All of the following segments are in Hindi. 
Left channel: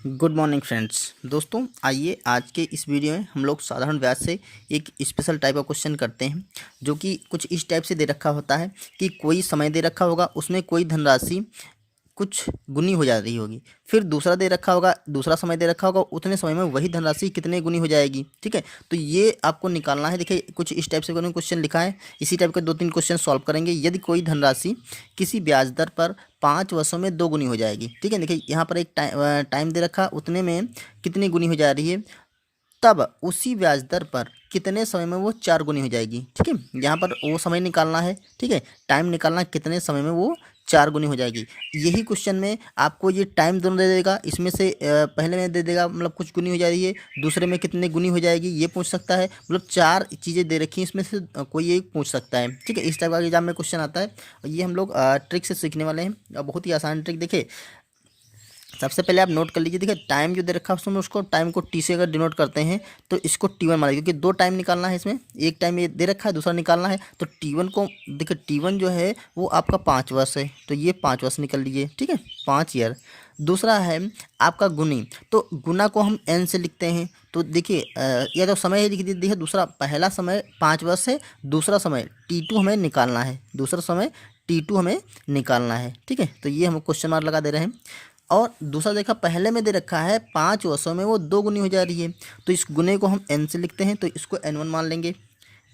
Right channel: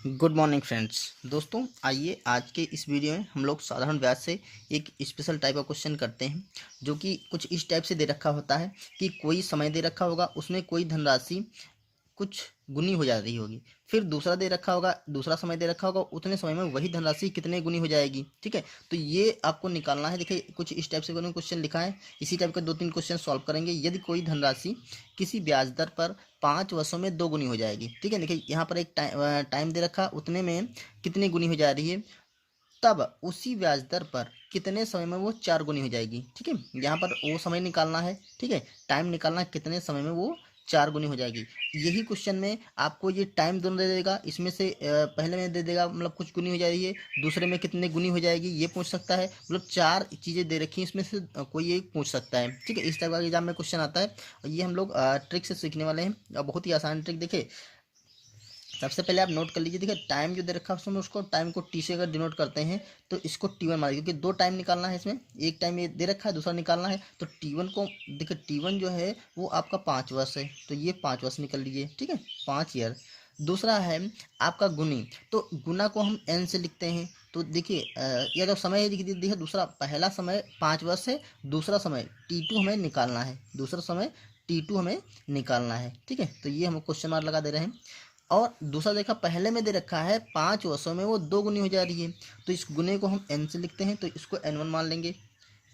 Good morning friends. दोस्तों आइए आज के इस वीडियो में हम लोग साधारण ब्याज से एक स्पेशल टाइप का क्वेश्चन करते हैं, जो कि कुछ इस टाइप से दे रखा होता है कि कोई समय दे रखा होगा, उसमें कोई धनराशि कुछ गुनी हो जा रही होगी। फिर दूसरा दे रखा होगा, दूसरा समय दे रखा होगा, उतने समय में वही धनराशि कितने गुनी हो जाएगी। ठीक है, तो ये आपको निकालना है। देखिए कुछ इस टाइप से उन्होंने क्वेश्चन लिखा है, इसी टाइप के 2-3 क्वेश्चन सॉल्व करेंगे। यदि कोई धनराशि किसी ब्याज दर पर 5 वर्षों में 2 गुनी हो जाएगी। ठीक है, देखिए यहाँ पर एक टाइम दे रखा, उतने में कितनी गुनी हो जा रही है, तब उसी ब्याज दर पर कितने समय में वो 4 गुनी हो जाएगी। ठीक है, यहाँ पर वो समय निकालना है। ठीक है, टाइम निकालना है, कितने समय में वो 4 गुनी हो जाएगी। यही क्वेश्चन में आपको ये टाइम दोनों दे देगा, इसमें से पहले में दे देगा मतलब कुछ गुनी हो जा रही है, दूसरे में कितने गुनी हो जाएगी ये पूछ सकता है। मतलब 4 चीज़ें दे रखी हैं, इसमें से कोई एक पूछ सकता है। ठीक है, इस टाइप का एग्जाम में क्वेश्चन आता है और ये हम लोग ट्रिक से सीखने वाले हैं। बहुत ही आसान ट्रिक। देखिए सबसे पहले आप नोट कर लीजिए। देखिए टाइम जो दे रखा है उसमें उसको टाइम को टी से अगर डिनोट करते हैं तो इसको T1 मान लीजिए, क्योंकि 2 टाइम निकालना है इसमें। एक टाइम ये दे रखा है, दूसरा निकालना है, तो T1 को देखिए, T1 जो है वो आपका 5 वर्ष है, तो ये 5 वर्ष निकल लीजिए। ठीक है, 5 ईयर। दूसरा है आपका गुनी, तो गुना को हम n से लिखते हैं। तो देखिए यह जो समय है लिख दीजिए। दूसरा पहला समय 5 वर्ष है, दूसरा समय T2 हमें निकालना है, दूसरा समय T2 हमें निकालना है। ठीक है, तो ये हम क्वेश्चन मार्क लगा दे रहे हैं। और दूसरा देखा, पहले में दे रखा है 5 वर्षों में वो 2 गुनी हो जा रही है, तो इस गुने को हम n से लिखते हैं, तो इसको n1 मान लेंगे।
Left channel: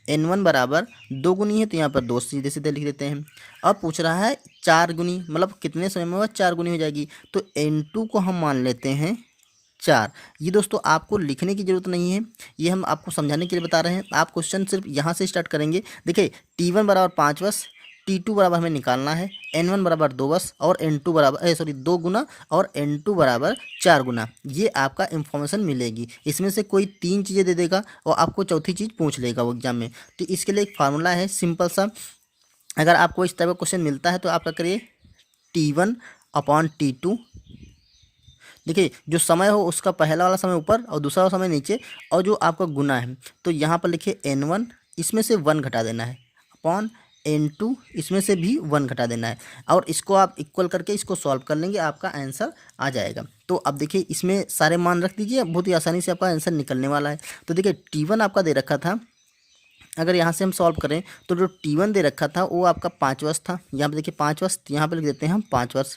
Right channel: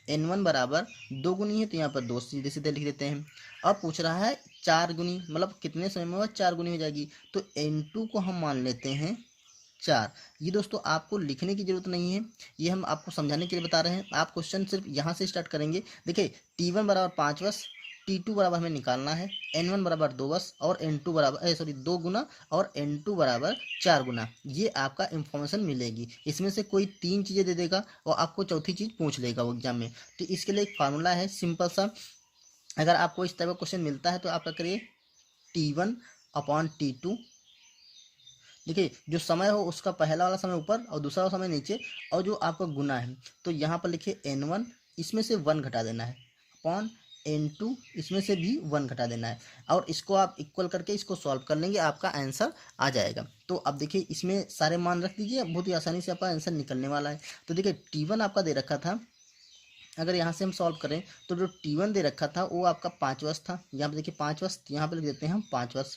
n1 बराबर 2 गुनी है, तो यहाँ पर 2 सीधे सीधे लिख देते हैं। अब पूछ रहा है 4 गुनी, मतलब कितने समय में वह 4 गुनी हो जाएगी, तो n2 को हम मान लेते हैं 4। ये दोस्तों आपको लिखने की ज़रूरत नहीं है, ये हम आपको समझाने के लिए बता रहे हैं। आप क्वेश्चन सिर्फ यहाँ से स्टार्ट करेंगे। देखिए T1 बराबर 5 वर्ष, T2 बराबर हमें निकालना है, N1 बराबर 2 वर्ष और N2 बराबर 2 गुना और N2 बराबर 4 गुना। ये आपका इन्फॉर्मेशन मिलेगी। इसमें से कोई 3 चीज़ें दे देगा और आपको चौथी चीज़ पूछ लेगा वो एग्जाम में। तो इसके लिए एक फार्मूला है सिंपल सा। अगर आपको इस टाइप का क्वेश्चन मिलता है तो आप क्या करिए, T1/T2। देखिए जो समय हो उसका पहला वाला समय ऊपर और दूसरा वाला समय नीचे, और जो आपका गुना है तो यहाँ पर लिखिए N1, इसमें से 1 घटा देना है, अपॉन N2, इसमें से भी 1 घटा देना है, और इसको आप इक्वल करके इसको सॉल्व कर लेंगे, आपका आंसर आ जाएगा। तो अब देखिए इसमें सारे मान रख दीजिए, बहुत ही आसानी से आपका आंसर निकलने वाला है। तो देखिए T1 आपका दे रखा था, अगर यहाँ से हम सॉल्व करें तो जो T1 दे रखा था वो आपका 5 वर्ष था। यहाँ पे देखिए 5 वर्ष, यहाँ पे लिख देते हैं हम 5 वर्ष।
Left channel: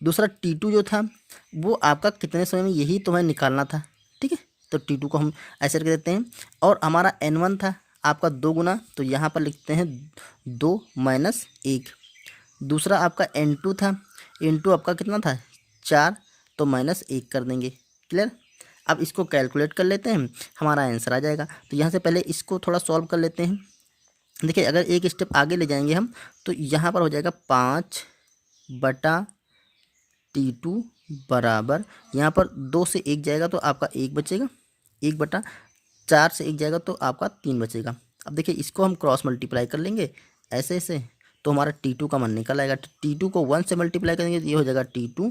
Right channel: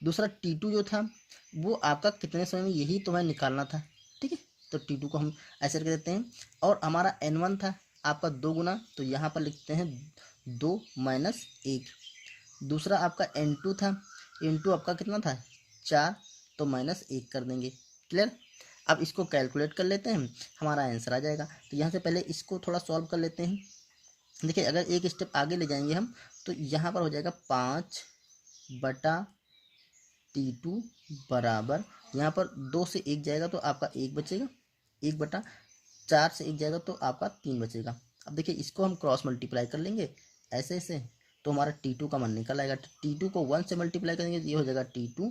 दूसरा T2 जो था वो आपका कितने समय में, यही तो हमें निकालना था। ठीक है, तो T2 को हम ऐसे रख देते हैं। और हमारा N1 था आपका 2 गुना, तो यहाँ पर लिखते हैं 2 माइनस 1। दूसरा आपका N2 था, N2 आपका कितना था 4, तो माइनस 1 कर देंगे। क्लियर। अब इसको कैलकुलेट कर लेते हैं, हमारा आंसर आ जाएगा। तो यहाँ से पहले इसको थोड़ा सॉल्व कर लेते हैं। देखिए अगर एक स्टेप आगे ले जाएंगे हम, तो यहाँ पर हो जाएगा 5/T2 बराबर, यहाँ पर 2 से 1 जाएगा तो आपका 1 बचेगा, 1/4 से 1 जाएगा तो आपका 3 बचेगा। अब देखिए इसको हम क्रॉस मल्टीप्लाई कर लेंगे ऐसे ऐसे, तो हमारा T2 का मान निकल आएगा। T2 को 1 से मल्टीप्लाई करेंगे तो ये हो जाएगा T2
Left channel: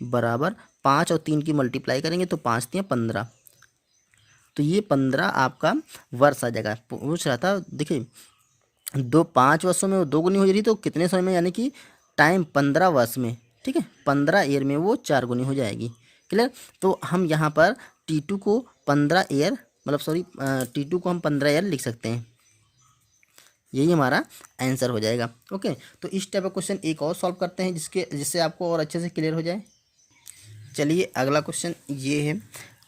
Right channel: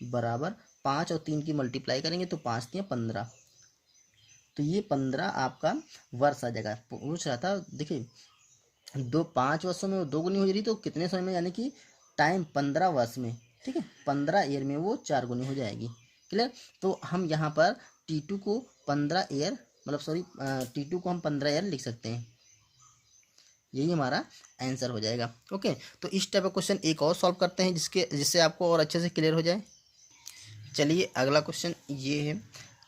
बराबर 5 और 3 की मल्टीप्लाई करेंगे तो 5 3 15, तो ये 15 आपका वर्ष आ जाएगा। पूछ रहा था देखिए 5 वर्षों में वो 2 गुनी हो रही, तो कितने समय में, यानी कि टाइम 15 वर्ष में। ठीक है, 15 ईयर में वो 4 गुनी हो जाएगी। क्लियर। तो हम यहाँ पर T2 को 15 ईयर, मतलब सॉरी T2 को हम 15 ईयर लिख सकते हैं, यही हमारा आंसर हो जाएगा। ओके, तो इस टाइप का क्वेश्चन एक और सॉल्व करते हैं जिससे आपको और अच्छे से क्लियर हो जाए। चलिए अगला क्वेश्चन ये है,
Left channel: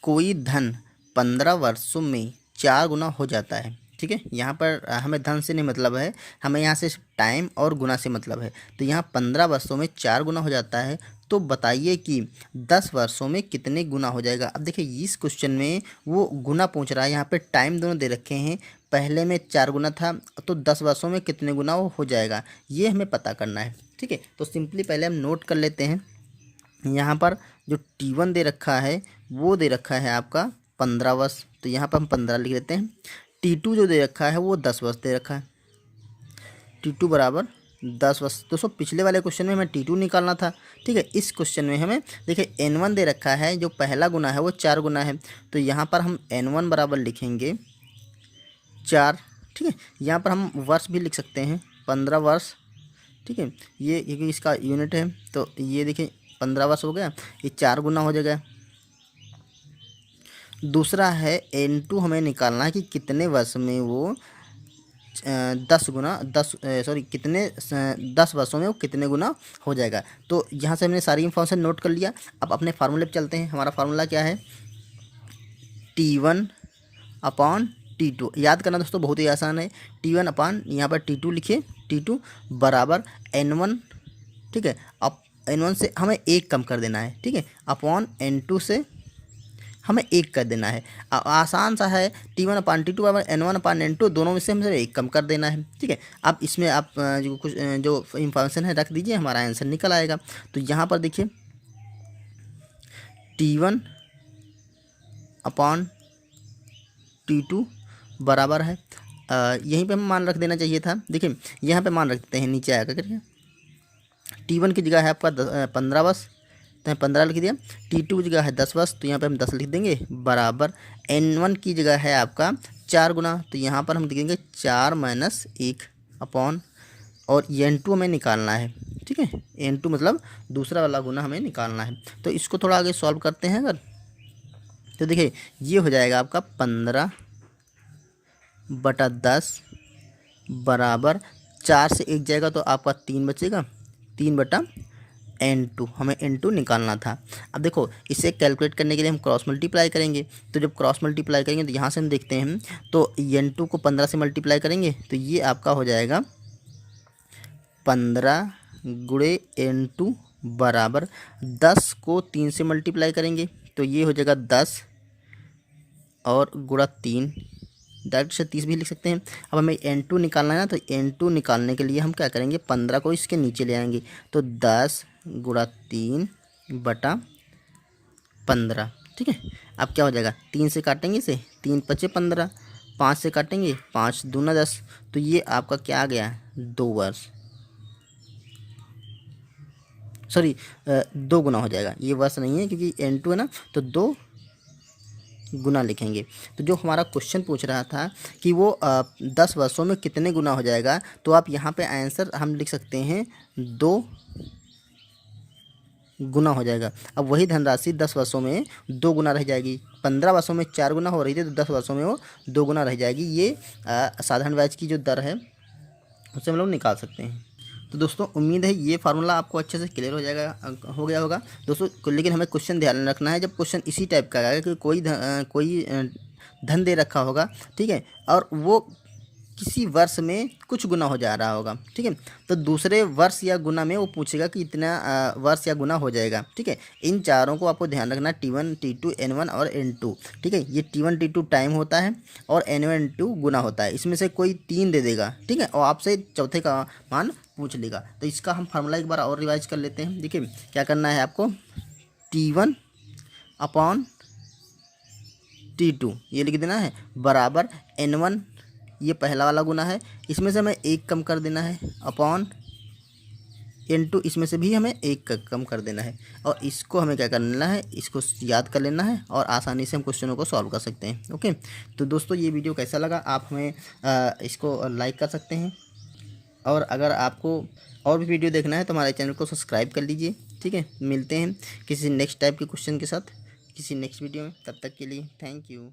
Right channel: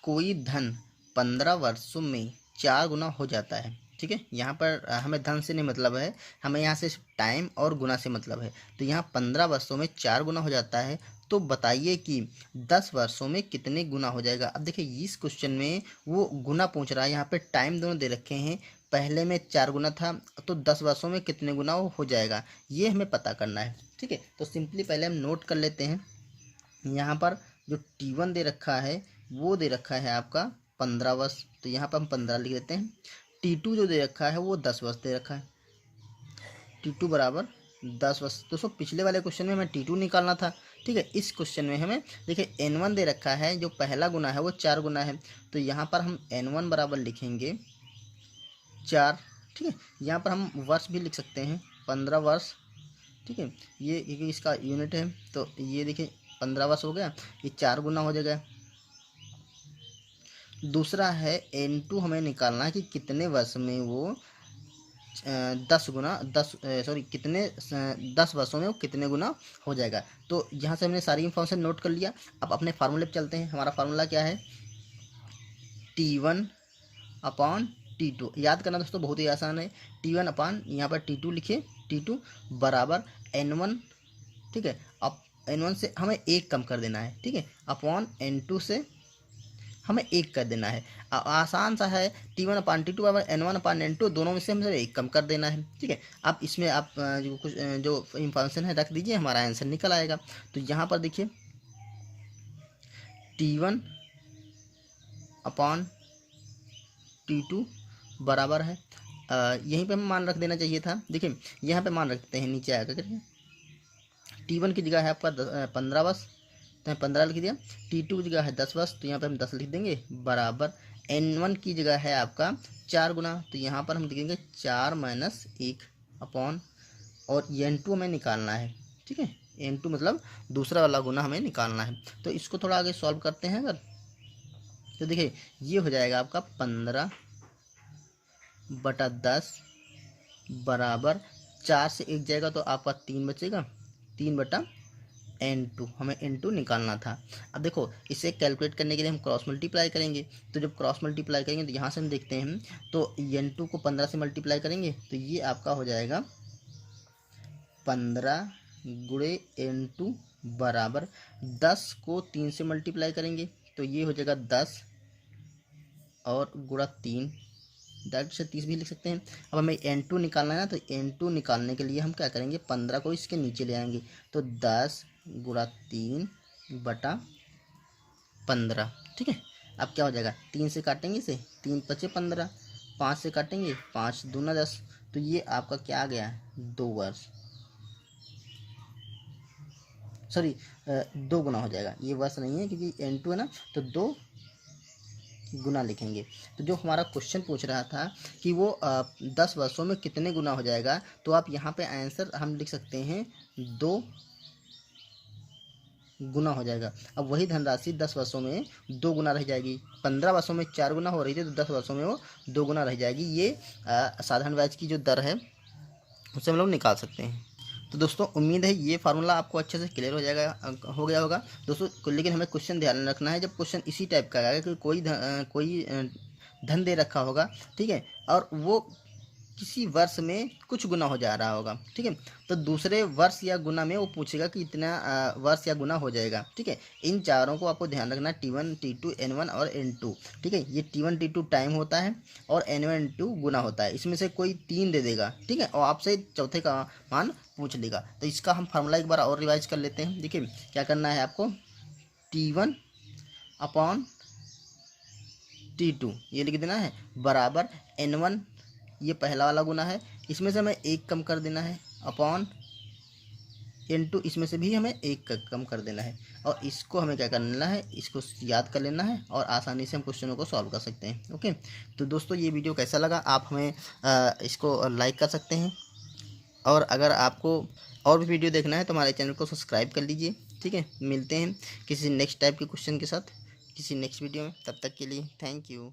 कोई धन 15 वर्षों में 4 गुना हो जाता है। ठीक है, यहाँ पर हमें धन से नहीं मतलब है, हमें यहाँ से टाइम और गुना से मतलब है। तो यहाँ 15 वर्षों में 4 गुना हो जाता है, तो बताइए कि 10 वर्षों में कितने गुना हो जाएगा। अब देखिए इस क्वेश्चन में वो गुना पूछ रहा है, यहाँ पे टाइम दोनों दे रखे हैं, पहले में 4 गुना था, तो 10 वर्षों में कितने गुना वो हो जाएगा, ये हमें पता करना है। ठीक है, तो सिंपली पहले हम नोट कर लेते हैं। यहाँ पर जो T1 दे रखा है वो दे रखा है आपका 15 वर्ष, तो यहाँ पर हम 15 लिख देते हैं। T2 जो दे रखा है वो 10 वर्ष दे रखा है, T2 बराबर 10 वर्ष। दोस्तों पिछले वाले क्वेश्चन में हमें T2 निकालना था। ठीक है, इस क्वेश्चन में हमें देखिए N1 दे रखा है, जो पहला गुना है वो 4 गुना है, तो यहाँ पर हम N1 बराबर लिखेंगे 4। ठीक है, यहाँ पर हम वर्ष भी लिख सकते हैं 15 वर्ष। ठीक है, ये इसका यूनिट है, तो ये देखिए 15 वर्ष हो गया, ये 4 गुना हो जाएगा, दूसरा है N2 हमें निकालना है कि कितने वर्ष में वो 10 गुना 10 सॉरी कितने 10 वर्षों में वो कितने गुना हो जाएगा। तो यहाँ से हमने सारी इन्फॉर्मेशन नोट कर लिया। अब अपने फार्मूले पे चलते हैं। हमारा फार्मूला क्या है, T1 अपॉन T2। याद करना दोस्तों बहुत ही आसान है। T1 अपॉन यहाँ पर T2 लिखिए, T2 बराबर N1, ठीक है। अब N1 से हमें 1 कम कर देना है, ठीक है, अपॉन N2 से हमें 1 कर देना है। आसान सा है। T1 अपान T2 बराबर N1 अपान N2, दोनों में से हमसे 1 कम कर देना है, ठीक है। अब इसमें आप जो कुछ जो इंफॉर्मेशन है रख दीजिए, हमारा आंसर निकल आएगा। तो यहाँ पर देखिए T1 अपान T2 बराबर है, यहीं पे हम मान रख देना चाहिए था। देखिए यहाँ पे मान रख देते हैं, नीचे आकर करके T1 की जगह है आपका 15 वर्ष, तो 15 लिख दिया। T2 की जगह है 10 वर्ष, तो यहाँ पे हम 10 लिख देंगे, बराबर N1 की जगह है आपका 4 गुना, तो यहाँ पर हम लिखेंगे 4 माइनस 1 अपॉन, और N2 हमें निकालना है, ठीक है। N2 मतलब दूसरा वाला गुना हमें निकालना है। तो इसको थोड़ा आगे सॉल्व करते हैं अगर, तो देखिए ये हो जाएगा आपका 15/10 बराबर 4 से 1 जाएगा तो आपका 3 बचेगा, 3/N2 हमें N2 निकालना था। अब देखो इसे कैलकुलेट करने के लिए हम क्रॉस मल्टीप्लाई करेंगे। तो जब क्रॉस मल्टीप्लाई करेंगे तो यहाँ से हम देखते हैं, तो N2 को 15 से मल्टीप्लाई करेंगे तो ये आपका हो जाएगा 15 गुणे N2 बराबर 10 को 3 से मल्टीप्लाई करेंगे तो ये हो जाएगा 10 और गुणा 3, डायरेक्ट से 30 भी लिख सकते हैं। अब हमें N2 निकालना है ना, तो N2 निकालने के लिए हम क्या करेंगे, 15 को इसके नीचे ले आएंगे, तो 10 गुणा 3/15, ठीक है। अब क्या हो जाएगा, 3 से काटेंगे इसे, 3 5 15, 5 से काटेंगे 5 दूना 10, तो ये आपका क्या आ गया, 2 वर्ष, सॉरी 2 गुना हो जाएगा, ये वर्ष नहीं है क्योंकि N2 है ना, तो 2 गुना लिखेंगे। तो जो हमारा क्वेश्चन पूछ रहा था कि वो 10 वर्षों में कितने गुना हो जाएगा, तो आप यहाँ पे आंसर हम लिख सकते हैं 2 गुना हो जाएगा। अब वही धनराशि 10 वर्षों में 2 गुना रह जाएगी। 15 वर्षों में 4 गुना हो रही थी, तो 10 वर्षों में वो 2 गुना रह जाएगी। ये साधारण ब्याज की जो दर है उससे हम लोग निकाल सकते हैं। तो दोस्तों उम्मीद है ये फार्मूला आपको अच्छे से क्लियर हो जाएगा, हो गया होगा दोस्तों। लेकिन हमें क्वेश्चन ध्यान रखना है, जब क्वेश्चन इसी टाइप का आएगा कि कोई धन दे रखा होगा, ठीक है, और वो किसी वर्ष में कुछ गुना हो जा रहा होगा, ठीक है, तो दूसरे वर्ष या गुना में वो पूछेगा कि इतना वर्ष या गुना हो जाएगा, ठीक है। इन चारों को आपको ध्यान रखना, T1 T2 N1 और N2, ठीक है। ये T1 T2 टाइम होता है और N1 N2 गुना होता है। इसमें से कोई 3 दे देगा, ठीक है, और आपसे चौथे का मान पूछ लेगा। तो इसका हम फार्मूला एक बार और रिवाइज कर लेते हैं। देखिए क्या करना है आपको, T1 अपॉन T2 ये लिख देना है, बराबर N1, ये पहला वाला गुना है, इसमें से हमें 1 कम कर देना है, अपॉन N2, इसमें से भी हमें 1 कम कर देना है, और इसको हमें क्या करना है, इसको याद कर लेना है और आसानी से हम क्वेश्चनों को सॉल्व कर सकते हैं। ओके, तो दोस्तों ये वीडियो कैसा लगा, आप हमें इसको लाइक कर सकते हैं, और अगर आपको और भी वीडियो देखना है तो हमारे चैनल को सब्सक्राइब कर लीजिए, ठीक है। मिलते हैं किसी नेक्स्ट टाइप के क्वेश्चन के साथ किसी नेक्स्ट वीडियो में, तब तक के लिए थैंक यू।